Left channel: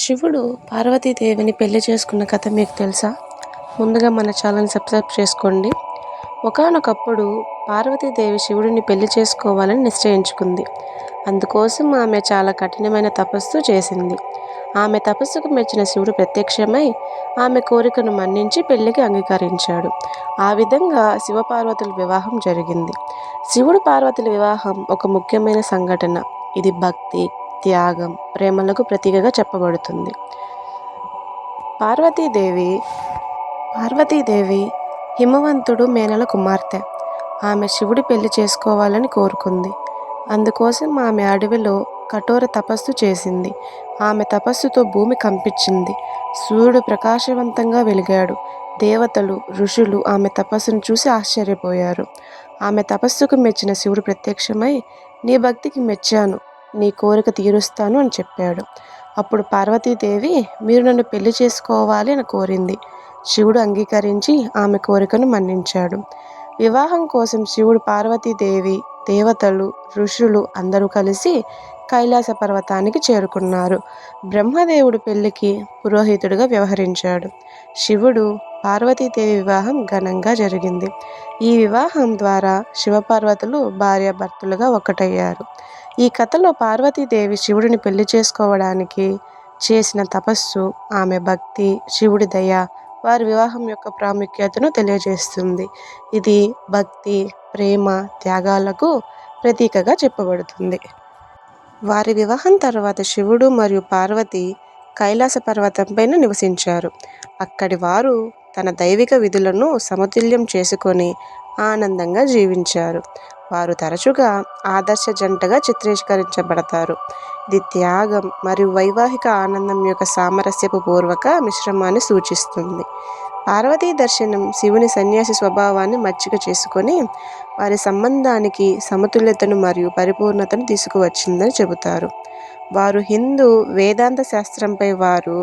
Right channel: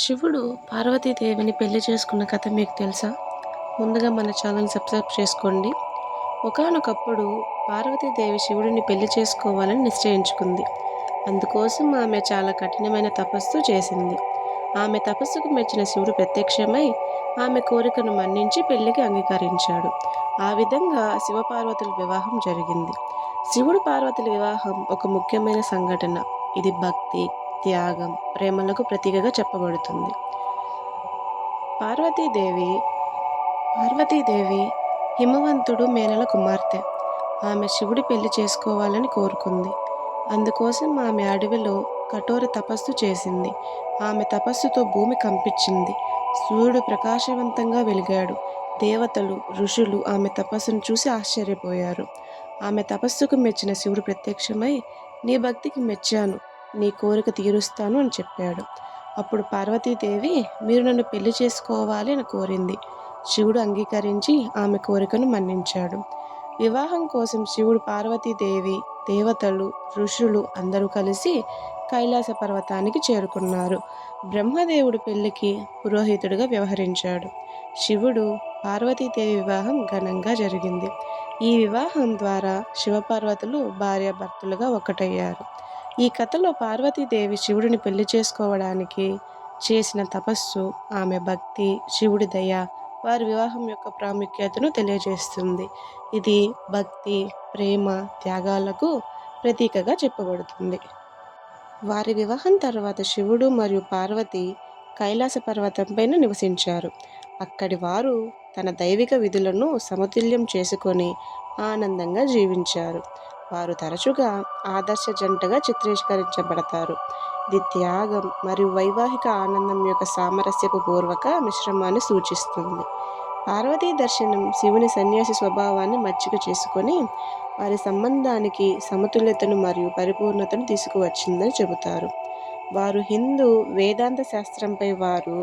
శివుడు పార్వతీదేవిని పెళ్లి చేసుకున్న కథ మీకు తెలుసా? ముందుగా మన ఛానల్ని సబ్స్క్రైబ్ చేసుకోండి. ఒకానొకప్పుడు పార్వతీదేవి శివుడిని పెళ్లి చేసుకోవాలని నిశ్చయించుకుంది. అందుకోసం ఆమె చాలా కఠినమైన తపస్సు చేసింది. ఆమె తపస్సుకు మెచ్చిన శివుడు ప్రత్యక్షమై ఆమె కోరికను మన్నించి పెళ్లికి అంగీకరించాడు. ఆ విధంగా శివపార్వతుల వివాహం జరిగింది. శివుడు పార్వతుల వివాహం ఒక ముఖ్యమైన సంఘటన. ఇది భక్తి, త్యాగం, ప్రేమలకు ప్రతీకగా చెప్పబడుతుంది. పార్వతీదేవి పార్వతీదేవి హిమవంతుడు మేనల కుమార్తె. ఆమె శివుడి పెళ్లి చేసుకోవాలని కోరుకుంది. అందుకోసం ఆమె అడవిలో కఠోర తపస్సు చేసింది. ఆమె తపస్సుతో భూమి కంపించింది. సూర్యుడు ప్రకాశవంతంగా వెలిగాడు. దేవతలు, ఋషులు ఆమె తపస్సును చూసి ఆశ్చర్యపోయారు. ఆమె తపస్సుకు మెచ్చిన శివుడు ప్రత్యక్షమై, నీ భక్తికి మెచ్చాను, నీ కోరిక తీరుస్తాను అని చెప్పాడు. అప్పుడు పార్వతీదేవి, మీరు నన్ను పెళ్లి చేసుకోవాలి అని కోరింది. శివుడు అంగీకరించి ఆమె కోరికను మన్నించాడు. వివాహం కోసం శివుడు, పార్వతీదేవి, దేవతలు, ఋషులు అందరూ కలిసి కైలాస పర్వతానికి చేరుకున్నారు. బ్రహ్మదేవుడు పెళ్లికి పురోహితుడిగా వ్యవహరించాడు. శివుడు, పార్వతీదేవి వివాహం ఘనంగా జరిగింది. ఈ వివాహం ద్వారా శివపార్వతులు భార్యాభర్తలుగా ఒకటయ్యారు. ఈ కథలో పార్వతీదేవి శివుడిని పెళ్లి చేసుకోవడానికి చేసిన తపస్సు, ఆమె భక్తి, శివుడి దయ వారి వివాహం యొక్క ప్రాముఖ్యతను తెలియజేస్తుంది. ఇది భక్తి, ప్రేమ, త్యాగాలకు ప్రతీకగా చెప్పబడుతుంది. వారి వివాహం తర్వాత శివుడు మరియు పార్వతి కైలాస పర్వతంపైన నివసించారు. అక్కడి వారు తన దైవిక విధులను సమతుల్యం చేసుకొని ఆనందంగా జీవించారు. వారు తరచుగా ఆదర్శ జంటగా చిత్రీకరించబడతారు. ఇది త్యాగం మరియు వైవాహిక ఆనందం యొక్క సామరస్యపు పూర్వక మిశ్రమాన్ని సూచిస్తుంది. పార్వతీ దర్శనం శివుని సన్యాసి స్వభావాన్ని మచ్చిక చేసుకొని వారి సంబంధానికి సమతుల్యతను మరియు పరిపూర్ణతను తీసుకువచ్చిందని చెబుతారు. వారు హిందూ వేదాంత శాస్త్రంపై వారు